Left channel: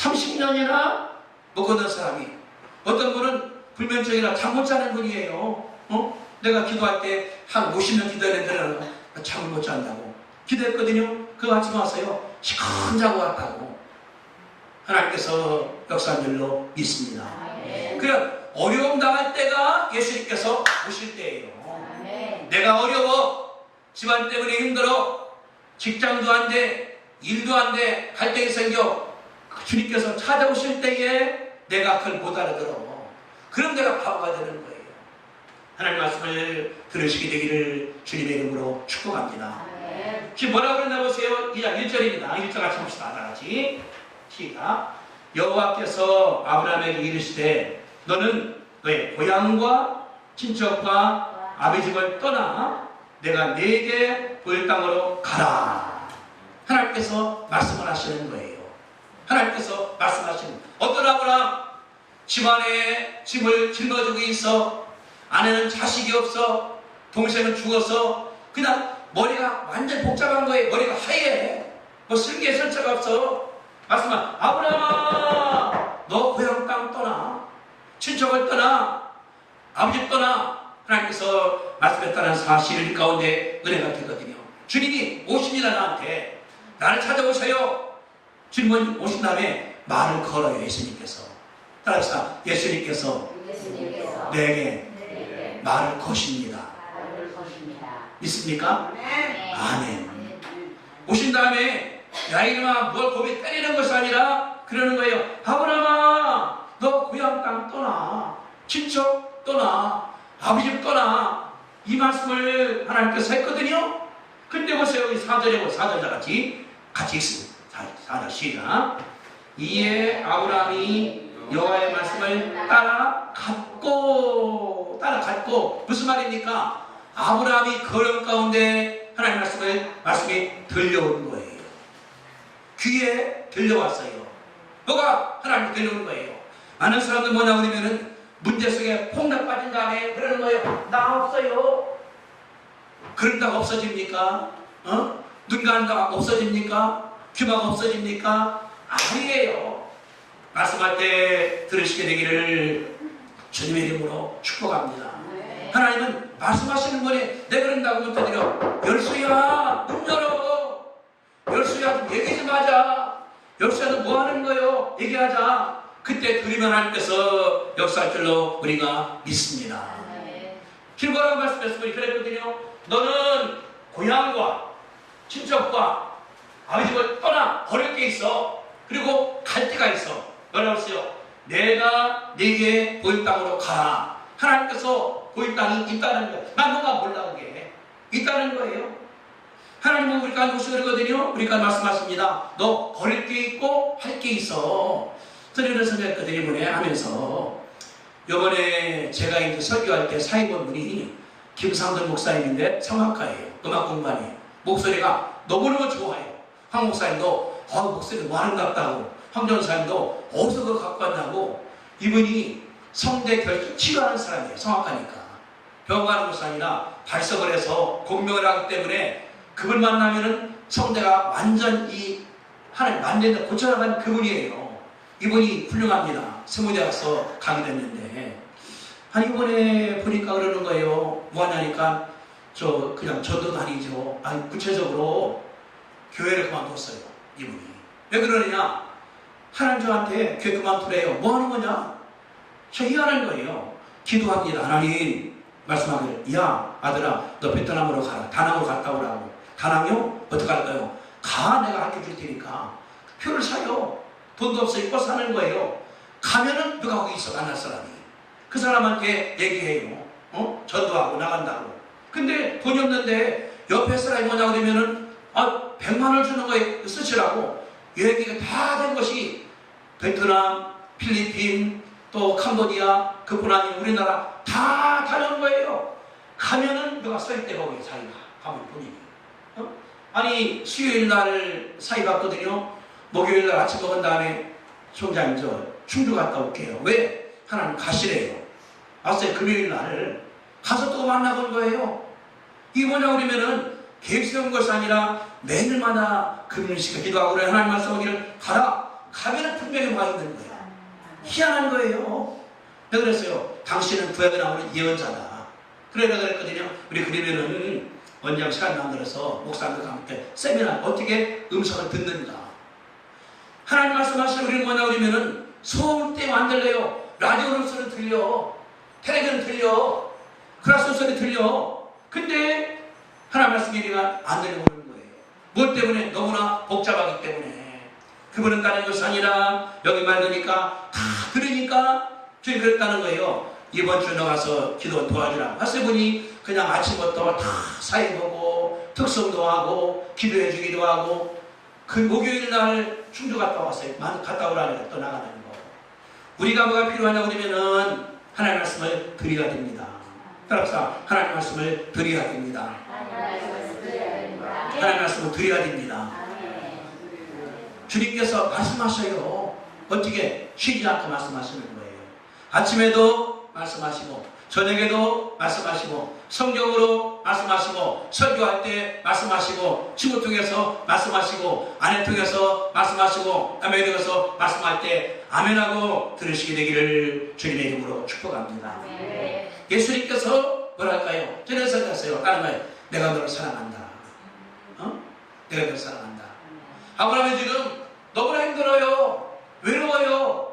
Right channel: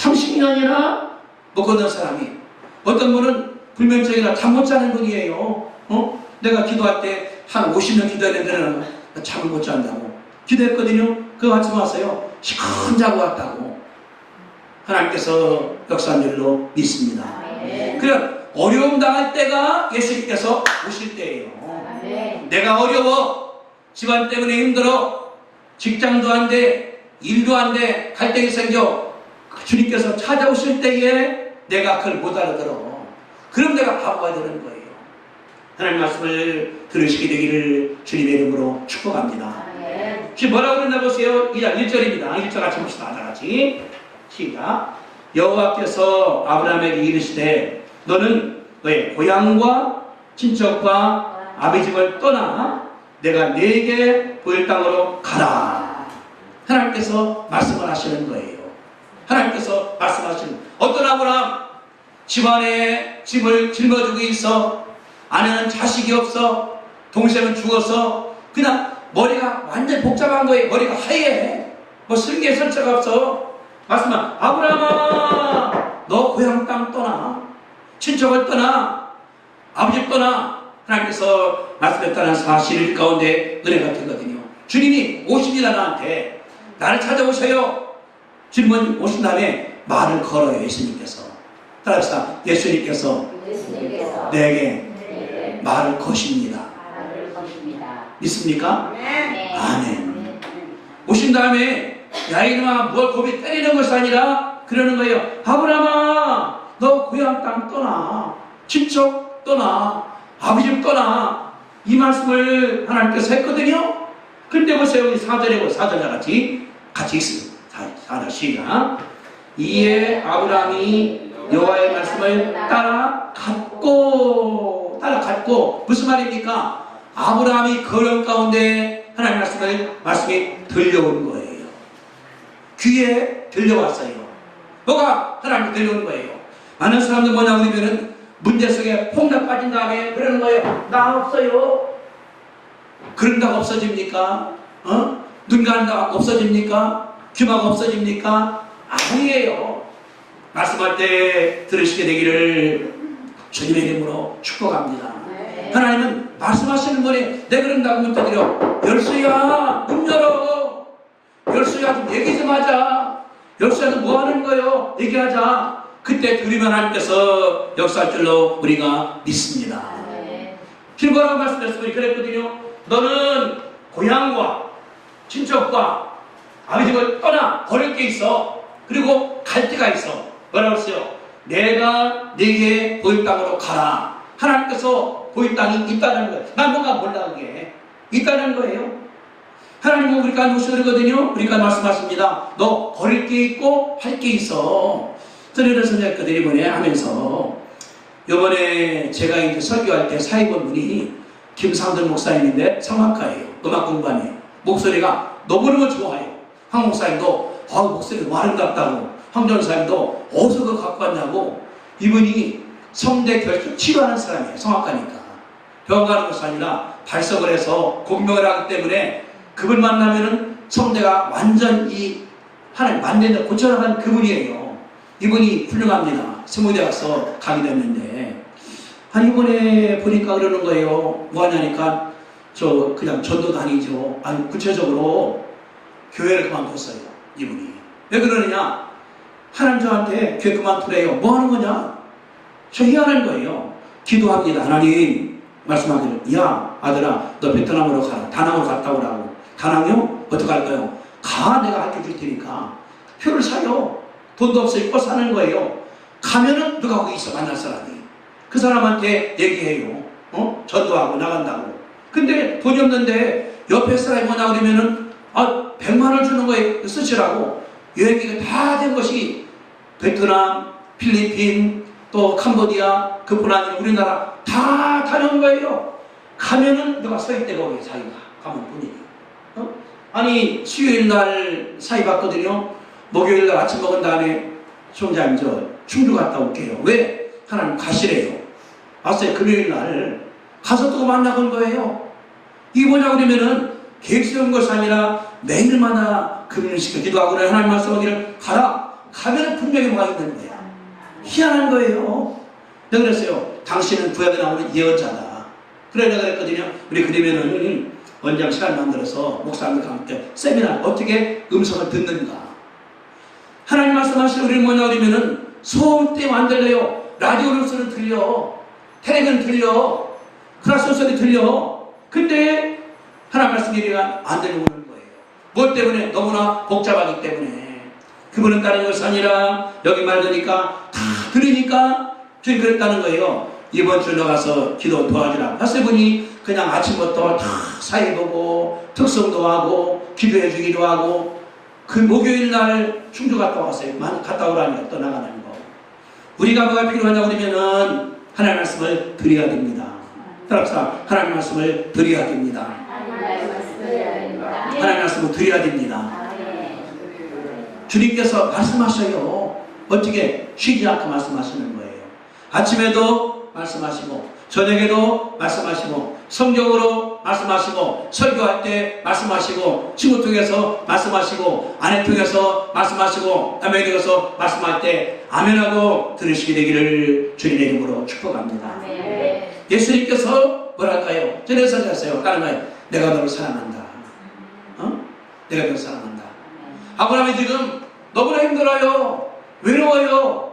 30년이나 먹었던 사람이, 어떤 분은 불면증이라 잠 못 자는 분이에요. 내가 기도할 때 한 50년 기도했는데 잠을 못 잔다고 기도했거든요. 그 아침 와서요 시큰 자고 왔다고 하나님께서 역사한 줄로 믿습니다. 그냥 어려움 당할 때가 예수님께서 오실 때예요. 내가 어려워, 집안 때문에 힘들어, 직장도 안 돼, 일도 안 돼, 갈등이 생겨, 주님께서 찾아오실 때에 내가 그걸 못 알아들어. 그럼 내가 바보가 되는 거예요. 하나님 말씀을 들으시게 되기를 주님의 이름으로 축복합니다. 지금 뭐라고 그랬나 보세요. 2장 1절입니다. 1절 같이 봅시다. 다 같이 시작. 여호와께서 아브라함에게 이르시되 너는 너의 고향과 친척과 아비 집을 떠나 내가 네게 보일 땅으로 가라. 하나님께서 말씀을 하시는 거예요. 하나님께서 말씀하시는 거예요. 어떤 아브라함 집안에 짐을 짊어지고 있어, 아내는 자식이 없어, 동생은 죽어서 그냥 머리가 완전 복잡한 거예요. 머리가 하얘. 뭐 슬기에 설자가 없어. 말씀한 아브라함아 너 고향 땅 떠나, 친척을 떠나, 아버지 떠나. 하나님께서 말씀했다는 사실 가운데 은혜가 되거든요. 주님이 오십니다. 나한테 나를 찾아오셔요. 주님은 오신 다음에 말을 걸어요. 예수님께서 따라서 예수님께서 내게 말을 거십니다. 믿습니까? 아멘. 오신 다음에 야 이놈아 뭘 고비 때리는 것이 아니라 그러는 거예요. 아브라함아 너 고향 땅 떠나, 친척 떠나, 아버지 집 떠나. 이 말씀을 하나님께서 했거든요. 근데 보세요. 여기 4절에 4절 같이 있습니다. 4절 시작. 이에 아브라함이 여호와의 말씀을 따라갔고 무슨 말입니까? 아브라함이 거름 가운데 하나님 말씀이 들려오는 거예요. 귀에 들려왔어요. 뭐가 하나님 들려오는 거예요. 많은 사람들 뭐냐 그러면은 문제 속에 퐁당 빠진 다음에 그러는 거예요. 나 없어요. 그런다고 없어집니까? 눈 가는다고 없어집니까? 귀마가 없어집니까? 아니에요. 말씀할 때 들으시게 되기를 주님의 이름으로 축복합니다. 하나님은 말씀하시는 거니 내 그런다고 못 드려. 열수야 문 열어. 열수야 좀 얘기 좀 하자. 열수야 너 뭐 하는 거요? 얘기하자. 그때 들으면 하나님께서 역사할 줄로 우리가 믿습니다. 필거라고 말씀했으면 그랬거든요. 너는 고향과 친척과 아버지 집을 떠나 버릴 게 있어. 그리고 갈 데가 있어. 뭐라고 했어요? 내가 네게 보일 땅으로 가라. 하나님께서 보일 땅이 있다는 거예요. 난 뭔가 몰라 그게 있다는 거예요. 하나님은 우리가 누구시거든요. 우리가 말씀하십니다. 너 버릴 게 있고 할 게 있어. 그래서 선생님들이 뭐냐 하면서 요번에 제가 이제 설교할 때 사회본 분이 김상돈 목사님인데 성악가예요. 음악 공부하네요. 목소리가 너무너무 좋아요. 황 목사님도 목소리가 뭐 아름답다고, 황 전사님도 어디서 그거 갖고 왔냐고. 이분이 성대 결핍 치료하는 사람이에요. 성악가니까 병원 가는 것이 아니라 발석을 해서 공명을 하기 때문에 그분 만나면은 성대가 완전 이 하나님 만대에 고쳐나간 그분이에요. 이분이 훌륭합니다. 스무대 가서 강의됐는데 이번에 보니까 그러는 거예요. 뭐 하냐니까 그냥 저도 다니죠. 아니 구체적으로 교회를 그만뒀어요. 이분이 왜 그러느냐? 하나님 저한테 교회 그만두래요. 뭐 하는 거냐? 저 희한한 거예요. 기도합니다. 하나님 말씀하기를 야 아들아 너 베트남으로 가라. 다낭으로 갔다 오라고. 다낭요? 어떻게 할까요? 가 내가 가르쳐줄 테니까. 표를 사요. 돈도 없어 입고 사는 거예요. 가면은 누가 거기 있어 만날 사람이. 그 사람한테 얘기해요. 전도하고 나간다고. 근데 돈이 없는데 옆에 사람이 뭐냐 그러면은 100만 원 주는 거에 쓰시라고. 여행기가 다 된 것이 베트남, 필리핀, 또 캄보디아, 그뿐 아니라 우리나라 다 다녀온 거예요. 가면은 누가 서 있대 거기 자기가 가면 본인이. 아니 수요일 날 사이 봤거든요. 목요일 날 아침 먹은 다음에 총장님 저 충주 갔다 올게요. 왜? 하나님 가시래요. 왔어요. 금요일 날 가서 또 만나본 거예요. 이게 뭐냐 그러면은 계획 세운 것이 아니라 매일마다 금요일 시간 기도하고 하나님 말씀하기를 가라. 가면은 분명히 와 있는 거야. 희한한 거예요. 내가 그랬어요. 당신은 구약에 나오는 예언자다. 그래 내가 그랬거든요. 우리 그러면은 원장 시간 만들어서 목사님과 함께 세미나 어떻게 음성을 듣는가. 하나님 말씀하시는 우리는 뭐냐 그러면은 소음 때문에 안 들려요. 라디오 뉴스는 들려. 텔레비전 들려. 크라스 소리 들려. 근데 하나님 말씀이 우리가 안 들려오는 거예요. 뭐 때문에? 너무나 복잡하기 때문에. 그분은 다른 것이 아니라 여기 말하니까 다 들으니까 주님 그랬다는 거예요. 이번 주 나가서 기도 도와주라. 하세 분이 그냥 아침부터 다 사회 보고 특성도 하고 기도해 주기도 하고 그 목요일 날 충주 갔다 왔어요. 갔다 오라니까 떠나가는 거. 우리가 뭐가 필요하냐 그러면은 하나님 말씀을 드려야 됩니다. 따라서 하나님 말씀을 드려야 됩니다. 하나님 말씀을 드려야 됩니다. 주님께서 말씀하셔요. 어떻게 쉬지 않고 말씀하시는 거예요. 아침에도 말씀하시고 저녁에도 말씀하시고 성경으로 말씀하시고 설교할 때 말씀하시고 친구 통해서 말씀하시고 아내 통해서 말씀하시고 남에게 통해서 말씀할 때 아멘하고 들으시게 되기를 주님의 이름으로 축복합니다. 예수님께서 뭐랄까요? 저는 선지했어요. 다른 말 내가 너를 사랑한다. 내가 너를 사랑한다. 아브라함이 지금 너무나 힘들어요. 외로워요.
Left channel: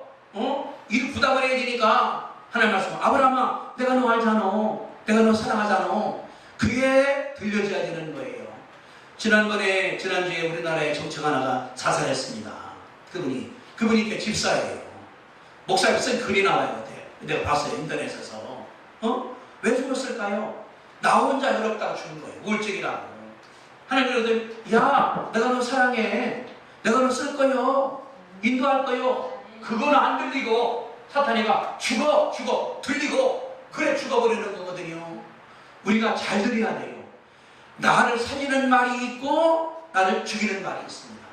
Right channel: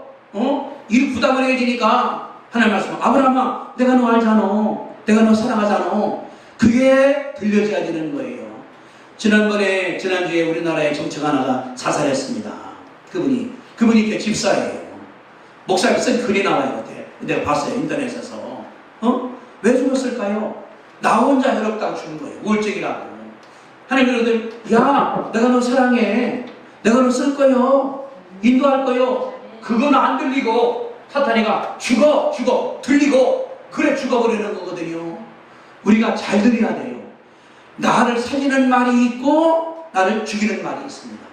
일 부담을 해야 되니까 하나님 말씀 아브라함아 내가 너 알잖아. 내가 너 사랑하잖아. 그게 들려져야 되는 거예요. 지난주에 우리나라의 정치가 하나가 자살했습니다. 그분이 이렇게 집사예요. 목사님 쓴 글이 나와요. 내가 봤어요. 인터넷에서. 왜 죽었을까요? 나 혼자 외롭다고 죽은 거예요. 우울증이라고. 하나님 그러더니 야 내가 너 사랑해. 내가 너 쓸 거요. 인도할 거요. 그건 안 들리고 사탄이가 죽어 들리고 그래 죽어버리는 거거든요. 우리가 잘 들어야 돼요. 나를 살리는 말이 있고 나를 죽이는 말이 있습니다.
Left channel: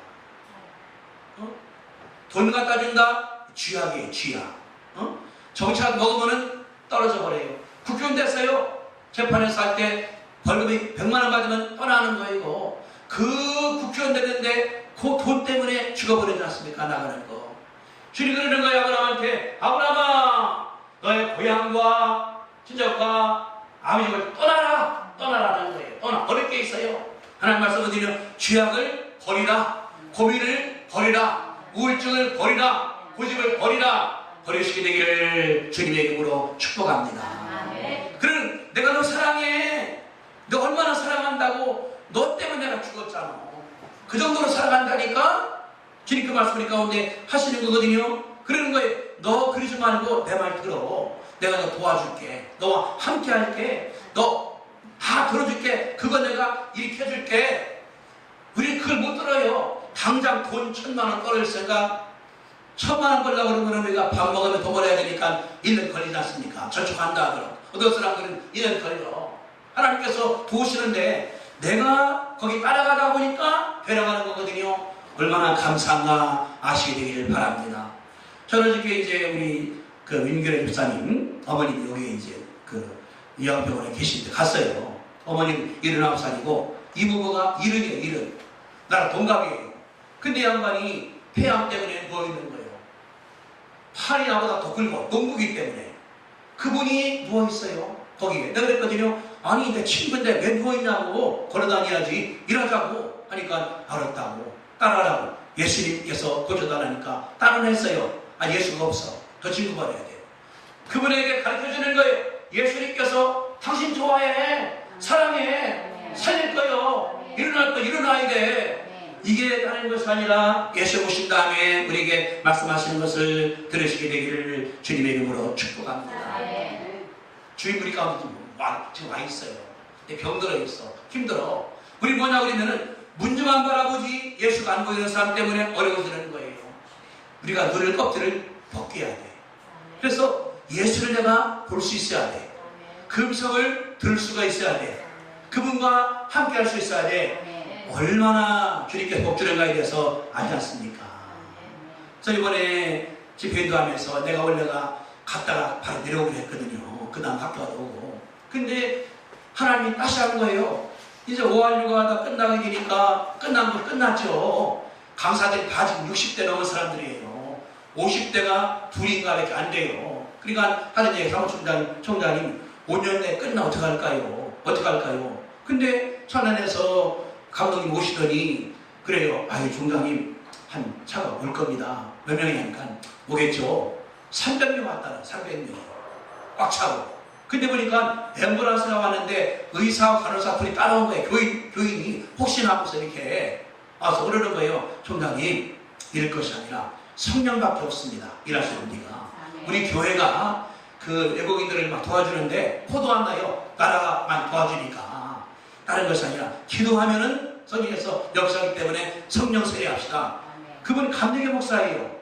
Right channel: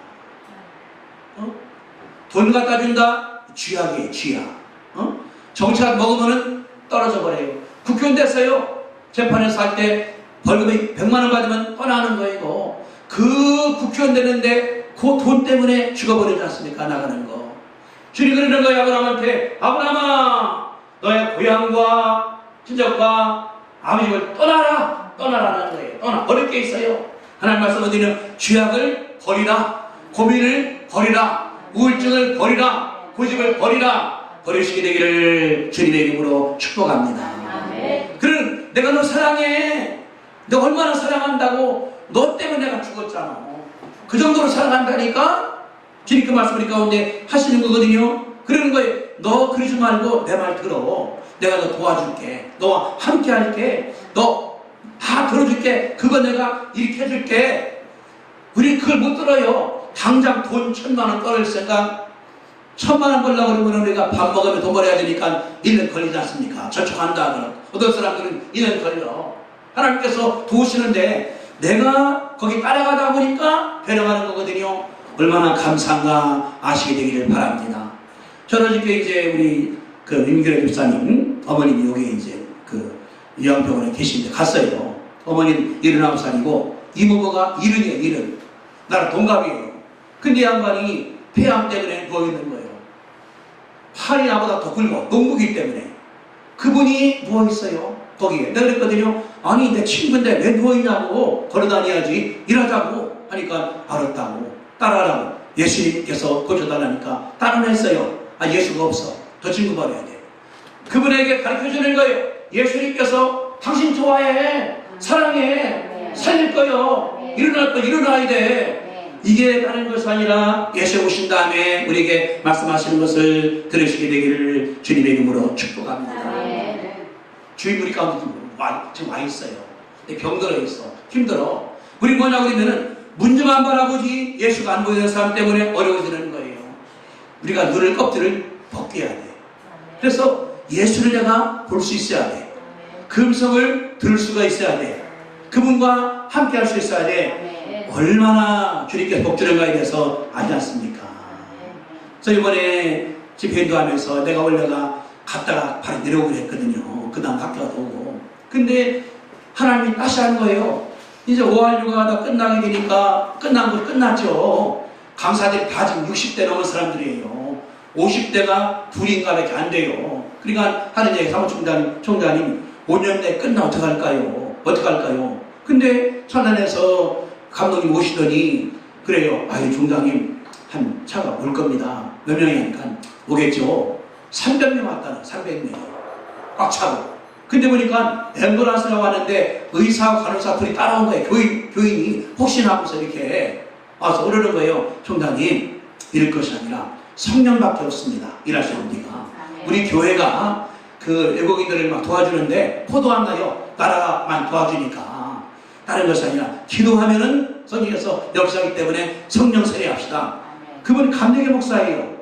돈 갖다 준다? 쥐약이에요. 쥐약. 정치학 먹으면 떨어져 버려요. 국회의원 됐어요. 재판에서 할 때 벌금이 100만 원 받으면 떠나는 거예요. 그 국회의원 되는데 그 돈 때문에 죽어버리지 않습니까? 나가는 거. 주님 그러는 거예요. 아브라함한테 아브라함아 너의 고향과 친척과 아버님을 떠나라는 거예요. 떠나 버릴 게 있어요. 하나님 말씀은 드리는 쥐약을 버리라. 고민을 버리라. 우울증을 버리라. 고집을 버리라. 버리시게 되기를 주님의 이름으로 축복합니다. 그럼 내가 너 사랑해. 너 얼마나 사랑한다고. 너 때문에 내가 죽었잖아. 그 정도로 사랑한다니까 주님 그 말씀을 가운데 하시는 거거든요. 그러는 거예요. 너 그러지 말고 내 말 들어. 내가 너 도와줄게. 너와 함께 할게. 너 다 들어줄게. 그거 내가 이렇게 해줄게. 우리 그걸 못 들어요. 당장 돈 1,000만 원 떨어질 생각. 1,000만 원 벌려고 그러면 우리가 밥 먹으면 돈 벌어야 되니까 1년 걸리지 않습니까? 저축한다 하더라고. 어떤 사람들은 1년 걸려. 하나님께서 도우시는데 내가 거기 따라가다 보니까 배려하는 거거든요. 얼마나 감사한가 아시게 되기를 바랍니다. 저는 이제 우리 그 임교래 집사님 어머님이 여기 이제 그 요양병원에 계신데 갔어요. 어머님 79살이고 이모부가 70이에요. 나랑 동갑이에요. 근데 양반이 폐암 때문에 누워있는 거예요. 팔이 나보다 더 굵어. 농부기 때문에. 그분이 누워있어요. 거기에. 내가 그랬거든요. 아니 내 친구인데 왜 누워있냐고. 걸어다녀야지. 일하자고 하니까 알았다고. 따라하라고. 예수님께서 고쳐달라니까 따르는 했어요. 아 예수가 없어. 더 친구 버려야 돼. 그분에게 가르쳐주는 거예요. 예수님께서 당신 좋아해. 사랑해. 살릴 거요. 일어날 거 일어나야 돼. 이게 다른 것이 아니라 예수 오신 다음에 우리에게 말씀하시는 것을 들으시게 되기를 주님의 이름으로 축복합니다. 주님 우리 가운데 지금 와 있어요. 병들어 있어. 힘들어. 우리 뭐냐 그러면은 문제만 바라보지 예수가 안 보이는 사람 때문에 어려워지는 거예요. 우리가 눈을 껍질을 벗겨야 돼. 그래서 예수를 내가 볼 수 있어야 돼. 그 음성을 들을 수가 있어야 돼. 그분과 함께 할 수 있어야 돼. 얼마나 주님께서 복주는가에 대해서 알지 않습니까? 그래서 이번에 집회도 하면서 내가 원래가 갔다가 바로 내려오기로 했거든요. 그 다음 학교가 오고. 근데 하나님이 다시 하는 거예요. 이제 5할 육아가 다 끝나게 되니까 끝난 거 끝났죠. 강사들이 다 지금 60대 넘은 사람들이에요. 50대가 둘인가밖에 안 돼요. 그러니까 하는 얘기 사무총장님 5년 내에 끝나 어떡할까요? 어떡할까요? 근데 천안에서 감독님 오시더니 그래요. 아유 총장님 한 차가 올 겁니다. 몇 명이 하니까 오겠죠. 300명 왔다는 300명이요. 꽉 차고. 근데 보니까 앰뷸런스가 왔는데 의사와 간호사 둘이 따라온 거예요. 교인이 혹시나 하면서 이렇게 와서 그러는 거예요. 총장님 이럴 것이 아니라 성령밖에 없습니다. 일하시는 분이가. 우리 교회가 그 외국인들을 막 도와주는데 포도 안 나요. 나라만 도와주니까. 다른 것이 아니라 기도하면은 성령께서 역사하기 때문에 성령 세례합시다. 그분 감리교 목사예요.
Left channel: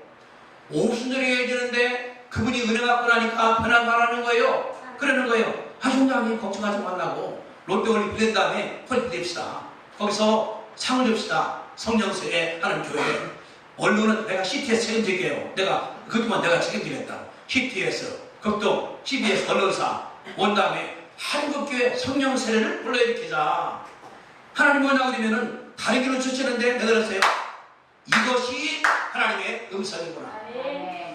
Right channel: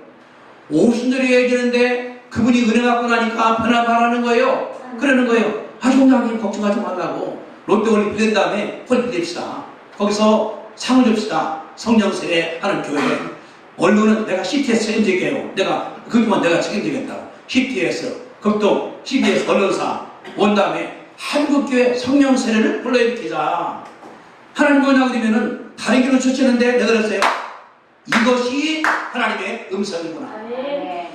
오순절이 해야 되는데 그분이 은혜 받고 나니까 변화 말하는 거예요. 그러는 거예요. 아 총장님 걱정하지 말라고. 롯데월드 빌린 다음에 홀 빌립시다. 거기서 상을 줍시다. 성령 세례하는 교회. 언론은 내가 CTS 책임질게요. 그것만 내가 책임지겠다. CTS, 극동, CBS 언론사 온 다음에 한국교회 성령 세례를 불러일으키자. 하나님 뭐냐고 그러면은 다른 길로 주시는데 내가 그랬어요. 이것이 하나님의 음성이구나.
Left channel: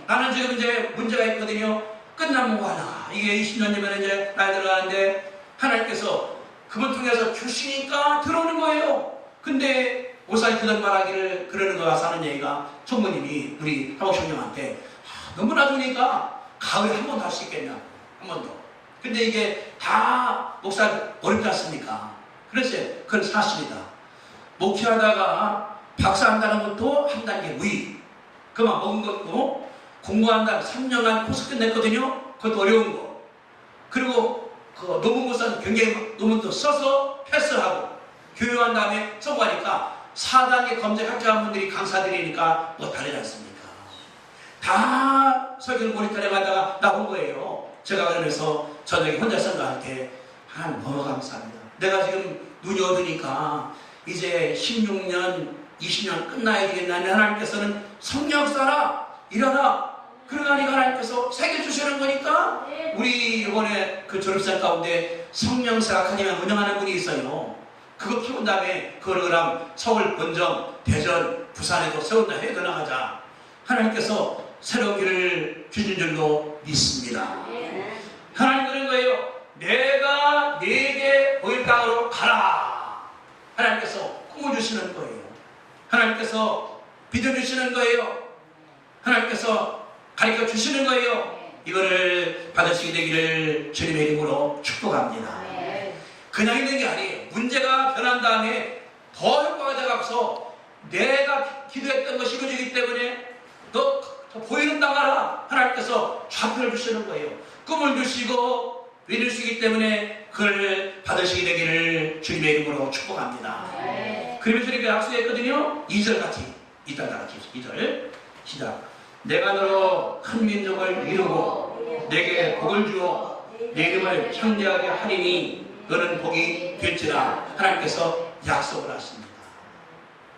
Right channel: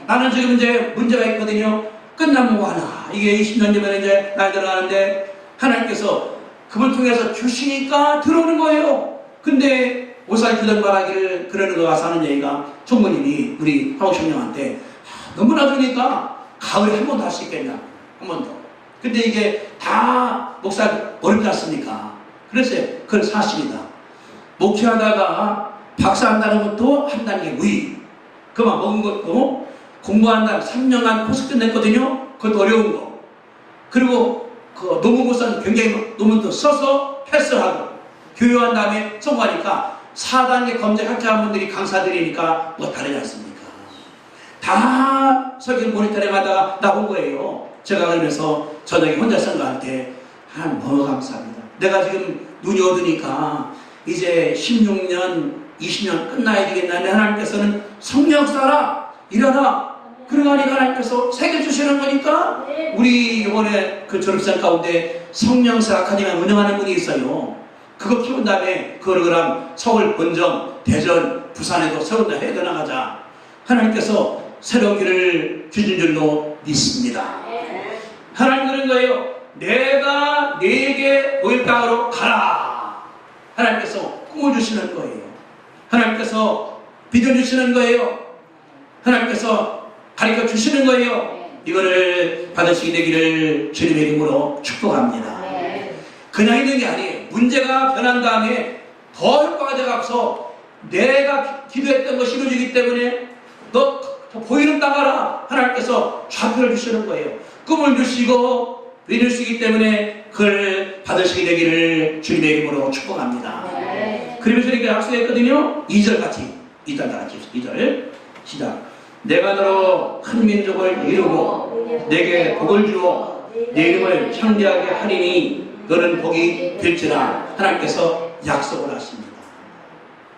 나는 지금 이제 문제가 있거든요. 끝나면 뭐 하나. 이게 20년 전에 이제 나이 들어가는데 하나님께서 그걸 통해서 주시니까 들어오는 거예요. 근데 오사이 그런 말하기를 그러는 거 와서 하는 얘기가 총무님이 우리 하옥청령한테 너무나 좋으니까 가을에 한 번 더 할 수 있겠냐. 한 번 더. 근데 이게 다 목사 어렵지 않습니까? 그랬어요. 그건 사실이다. 목회하다가 박사한다는 것도 한 단계 위. 그만 먹은 것도 공부한다 3년간 코스 끝냈거든요. 그것도 어려운 거. 그리고 그 논문고사는 굉장히 논문도 써서 패스하고 교육한 다음에 성공하니까 4단계 검색 학자분들이 강사들이니까 뭐 다르지 않습니까? 다 설교 모니터링 하다가 나온 거예요. 제가 그러면서 저녁에 혼자 선거할 때 너무 감사합니다. 내가 지금 눈이 어두니까 이제 16년, 20년 끝나야 되겠나. 하나님께서는 성령사라 일어나. 그러니 하나님께서 새겨주시는 거니까 우리 이번에 그 졸업생 가운데 성령사 아카데미 운영하는 분이 있어요. 그거 키운 다음에 그거랑 서울, 본정, 대전, 부산에도 세운다 해도 나가자. 하나님께서 새로운 길을 주신 줄로 믿습니다. 하나님 그런 거예요. 내가 네게 너희 땅으로 가라. 하나님께서 꿈어주시는 거예요. 하나님께서 비춰주시는 거예요. 하나님께서 가르쳐 주시는 거예요. 이거를 받으시게 되기를 주님의 이름으로 축복합니다. 그냥 있는 게 아니에요. 문제가 변한 다음에 더 효과가 돼가서 내가 기도했던 것이 이루어지기 때문에 너 보이는 땅 가라. 하나님께서 좌표를 주시는 거예요. 꿈을 주시고 이루시기 때문에 그걸 받으시게 되기를 주님의 이름으로 축복합니다. 그러면서 우리가 약속했거든요. 2절 같이 2절 다 같이 2절 시작. 내가 너로 큰 민족을 이루고 내게 복을 주어 내 이름을 창대하게 하리니 너는 복이 될지라. 하나님께서 약속을 하십니다.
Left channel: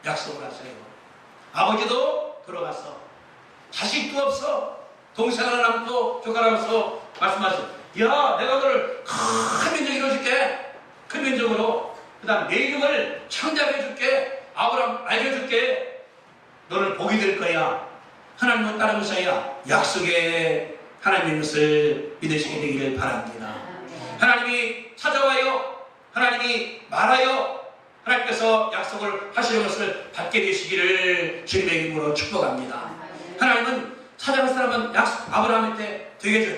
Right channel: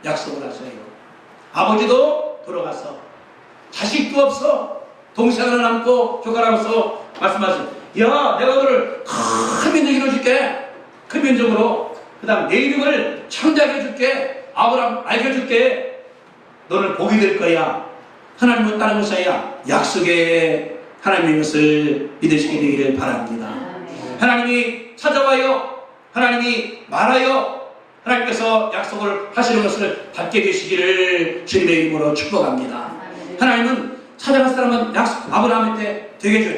약속을 하셔요. 아버지도 돌아가서 자식도 없어 동생 하나 남고 조카라고서 말씀하신 야 내가 너를 큰 민족 이루어줄게. 큰 민족으로 그 다음 내 이름을 창대하게 해줄게. 아브라함 알려줄게. 너는 복이 될 거야. 하나님은 다른 것이 아니라 약속의 하나님의 것을 믿으시게 되기를 바랍니다. 하나님이 찾아와요. 하나님이 말하여 하나님께서 약속을 하시는 것을 받게 되시기를 주님의 이름으로 축복합니다. 하나님은 찾아갈 사람은 약속 아브라함한테 되게 줘.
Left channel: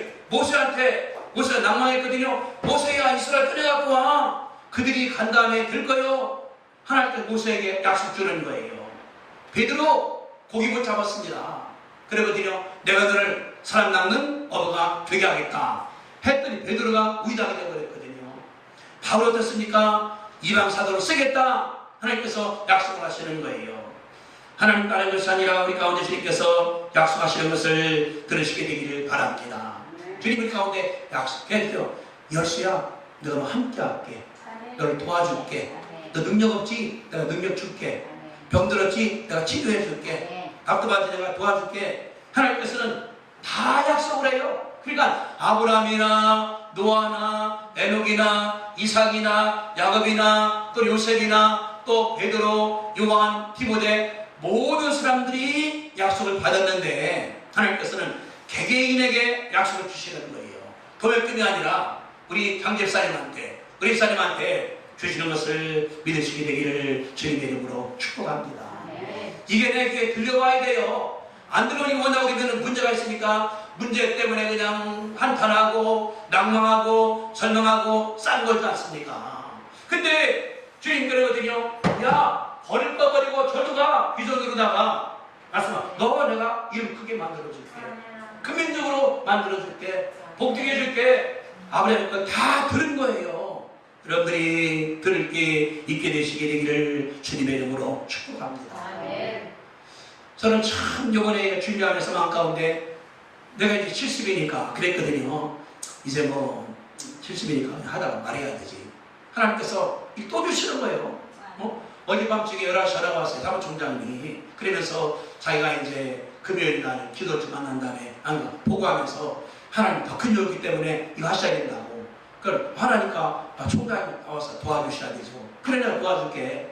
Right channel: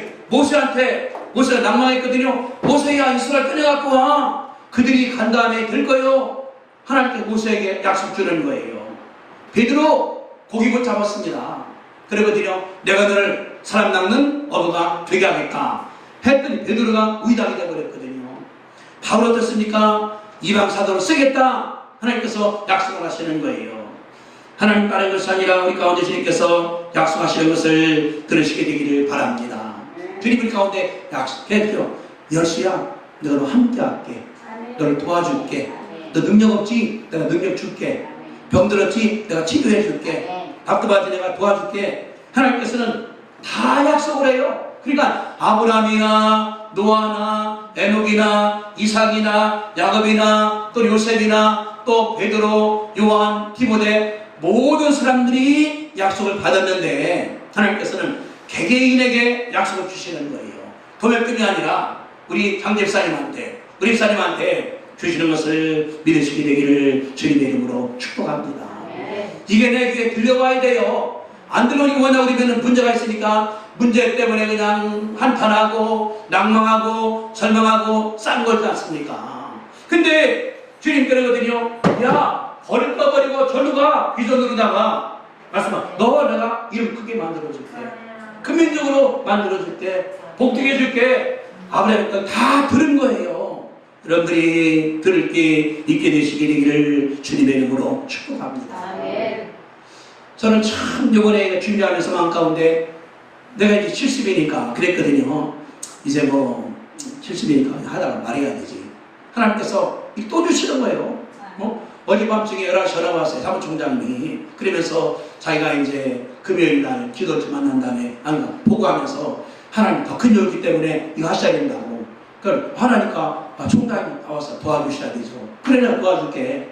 모세가 낭망했거든요. 모세야 이스라엘 꺼내갖고 와. 그들이 간 다음에 될 거요. 하나님께서 모세에게 약속 주는 거예요. 베드로 고기 못 잡았습니다. 그러거든요. 내가 너를 사람 낚는 어부가 되게 하겠다 했더니 베드로가 우이당이 되어버렸거든요. 바울 어떻습니까? 이방 사도로 쓰겠다. 하나님께서 약속을 하시는 거예요. 하나님 다른 것이 아니라 우리 가운데 주님께서 약속하시는 것을 들으시게 되기를 바랍니다. 주님 우리 가운데 약속했죠. 열수야 너로 함께 할게. 너를 도와줄게. 너 능력 없지? 내가 능력 줄게. 병들었지? 내가 치료해 줄게. 답답하지? 내가 도와줄게. 하나님께서는 다 약속을 해요. 그러니까 아브라함이나 노아나 에녹이나 이삭이나 야곱이나 또 요셉이나 또 베드로, 요한, 디모데 모든 사람들이 약속을 받았는데 하나님께서는 개개인에게 약속을 주시는 거예요. 도매금이 아니라 우리 장집사님한테, 우리 집사님한테 주시는 것을 믿으시게 되기를 주님의 이름으로 축복합니다. 이게 내 귀에 들려와야 돼요. 안 들어오니까 뭐냐, 우리는 문제가 있으니까 문제 때문에 그냥 한탄하고 낭망하고 절망하고 싼 거지 않습니까? 근데 주님 그러거든요. 야, 버릴 거 버리고 절로 가. 비전으로다가 말씀하, 너 내가 이름 크게 만들어줄게. 근민족으로 만들어줄게. 복되게 해줄게. 아브라함 건 다 들은 거예요. 여러분들이 들을 게 있게 되시게 되기를 주님의 이름으로 축복합니다. 저는 참 요번에 준비하면서 마음 가운데 내가 이제 70이니까 그랬거든요. 이제 뭐 70이니까 하다가 말해야 되지. 하나님께서 또 주시는 거예요. 어젯밤중에 11시 전화 왔어요. 사무총장님이. 그러면서 자기가 이제 금요일 날 기도를 만난 다음에 보고하면서 하나님 더 큰 일이기 때문에 이거 하셔야 된다고. 그걸 화나니까 총장이 나와서 도와주셔야 되죠. 그래 내가 도와줄게.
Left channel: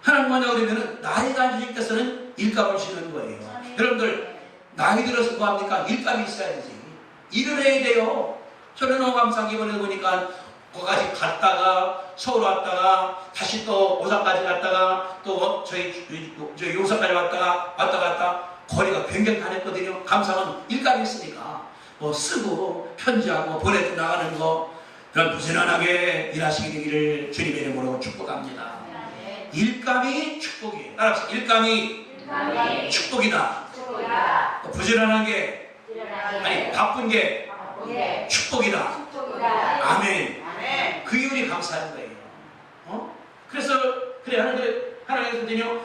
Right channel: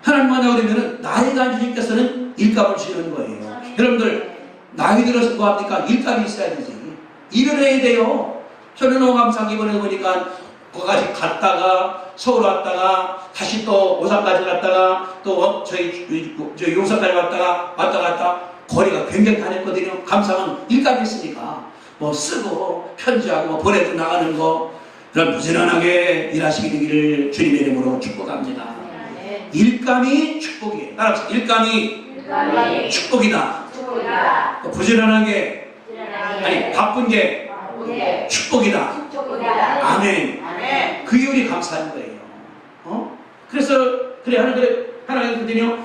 하나님만 나오려면 나이가 주님께서는 일감을 주시는 거예요. 여러분들 나이 들어서 뭐 합니까? 일감이 있어야 되지. 일을 해야 돼요. 저는 너무 감사하게 이번에 보니까 거기까지 갔다가 서울 왔다가 다시 또 오산까지 갔다가 또 저희 용산까지 왔다가 왔다 갔다 거리가 굉장히 다녔거든요. 감사한 일감이 있으니까 뭐 쓰고 편지하고 보내고 나가는 거 그런 부지런하게 일하시게 되기를 주님의 이름으로 축복합니다. 일감이 축복이에요. 따라서 일감이 축복이다. 부지런하게 아니 바쁜 게 축복이다. 아멘. 그 이유리 감사한 거예요. 그래서 그래 하나님께서는요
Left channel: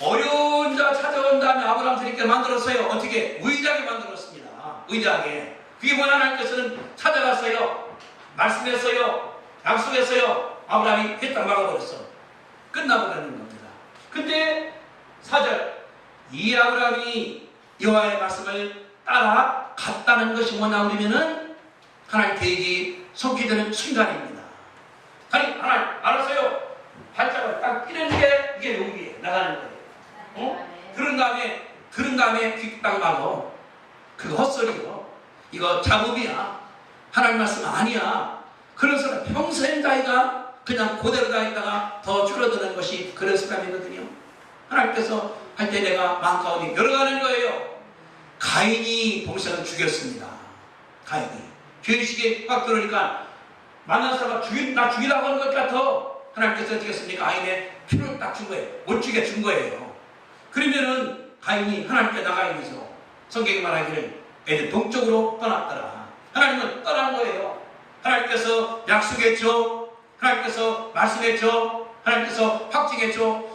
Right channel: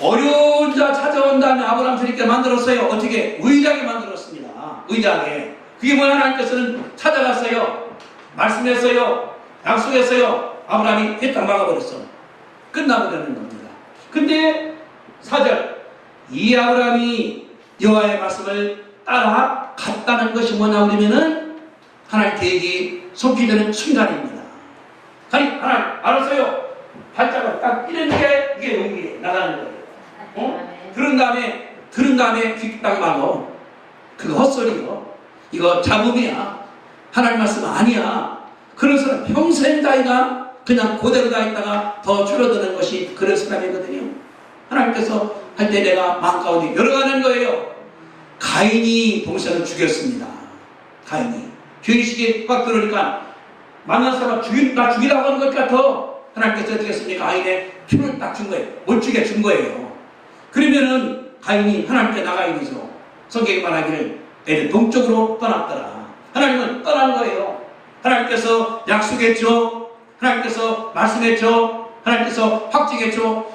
어려운 자 찾아온 다음에 아브라함 주님께 만들었어요. 어떻게? 의리하게 만들었습니다. 의리하게. 그게 뭐야? 하나님께서는 찾아갔어요. 말씀했어요. 약속했어요. 아브라함이 했다 막아버렸어. 끝나버리는 겁니다. 근데 4절 이 아브라함이 여호와의 말씀을 따라갔다는 것이 뭐냐 그러면은 하나님 계획이 속히되는 순간입니다. 하나님 알았어요. 발자국 딱 뛰는 게 이게 용기에 나가는 거예요. 들은 다음에 귀 딱 막어. 그거 헛소리요. 이거 잡음이야. 하나님 말씀 아니야. 그런 사람 평생 다이가 그냥 그대로 다니다가 더 줄어드는 것이 그런 사람이거든요. 하나님께서 할 때 내가 마음 가운데 열어가는 거예요. 가인이 동생을 죽였습니다. 가인이. 죄의식이 꽉 들어오니까 만난 사람 나 죽이라고 하는 것 같아. 하나님께서 어떻게 했습니까? 가인의 표를 딱 준 거예요. 못 죽게 준 거예요. 그러면은 가인이 하나님께 나가야 되죠. 성경이 말하기를 애들 동쪽으로 떠났더라. 하나님은 떠난 거예요. 하나님께서 약속했죠. 하나님께서 말씀했죠. 하나님께서 확증했죠.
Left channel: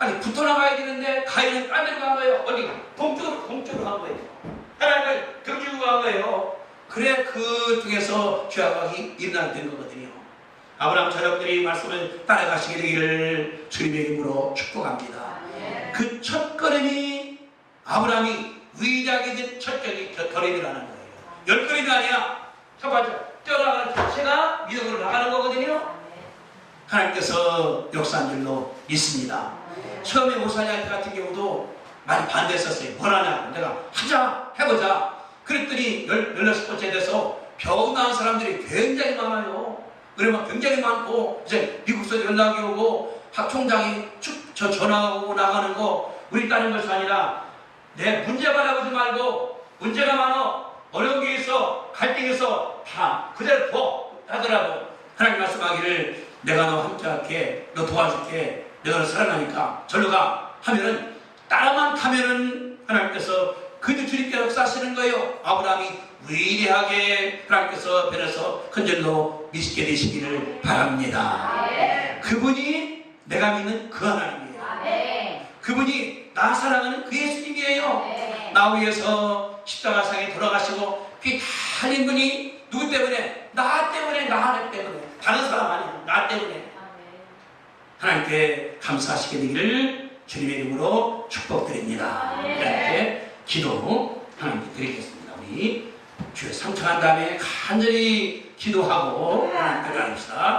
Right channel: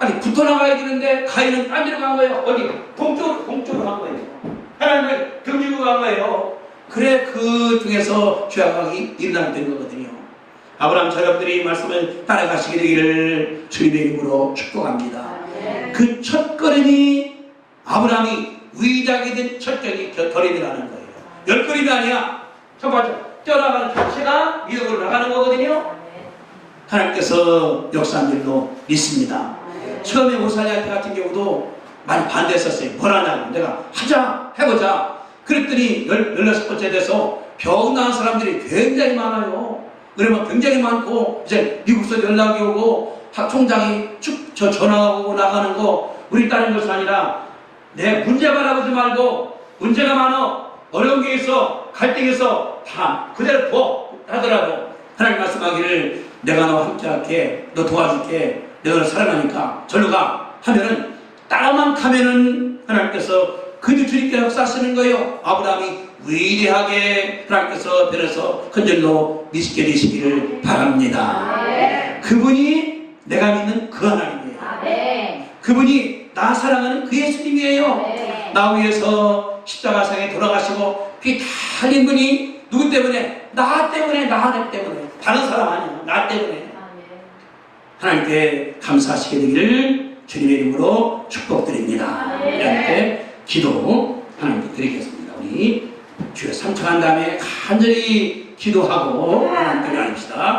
아니 붙어 나가야 되는데 가인은 딴 데로 간 거예요. 어디? 동쪽으로 간 거예요. 하나님은 경주로 간 거예요. 그래 그 중에서 죄악이 일어나게 된 거거든요. 아브라함 여러분들이 말씀을 따라가시게 되기를 주님의 이름으로 축복합니다. 그 첫걸음이 아브라함이 위대하게 된 첫걸음이라는 거예요. 열걸음이 아니야. 첫 번째 뛰어나가는 자체가 믿음으로 나가는 거거든요. 하나님께서 역사한 줄로 믿습니다. 처음에 오사냐 때 같은 경우도 많이 반대했었어요. 뭘 하냐고. 내가 하자 해보자. 그랬더니 16번째 돼서 병 나은 사람들이 굉장히 많아요. 그러면 굉장히 많고 이제 미국에서 연락이 오고 총장이 저 전화가 오고 나가는 거 우리 따는 것이 아니라 내 문제 바라보지 말고 문제가 많아 어려운 게 있어 갈등이 있어 다 그대로 둬 하더라도 하나님 말씀하기를 내가 너와 함께할게 너 도와줄게 내가 너 사랑하니까 절로 가 하면은 따라만 가면은 하나님께서 그들 주님께 역사하시는 거예요. 아브라함이 위대하게 하나님께서 변해서 큰절로 믿게 되시기를 바랍니다. 그분이 내가 믿는 그 하나님이에요. 그분이 나 사랑하는 그 예수님이에요. 나 위해서 십자가상에 돌아가시고 피 다 흘린 분이 누구 때문에? 나 때문에, 나 하나 때문에. 다른 사람 아니야. 나 때문에. 하나님께 감사하시게 되기를 주님의 이름으로 축복드립니다. 이렇게 기도 하나님께 드리겠습니다. 우리 주여 삼창한 다음에 간절히 기도하고 하나님께 나눕시다.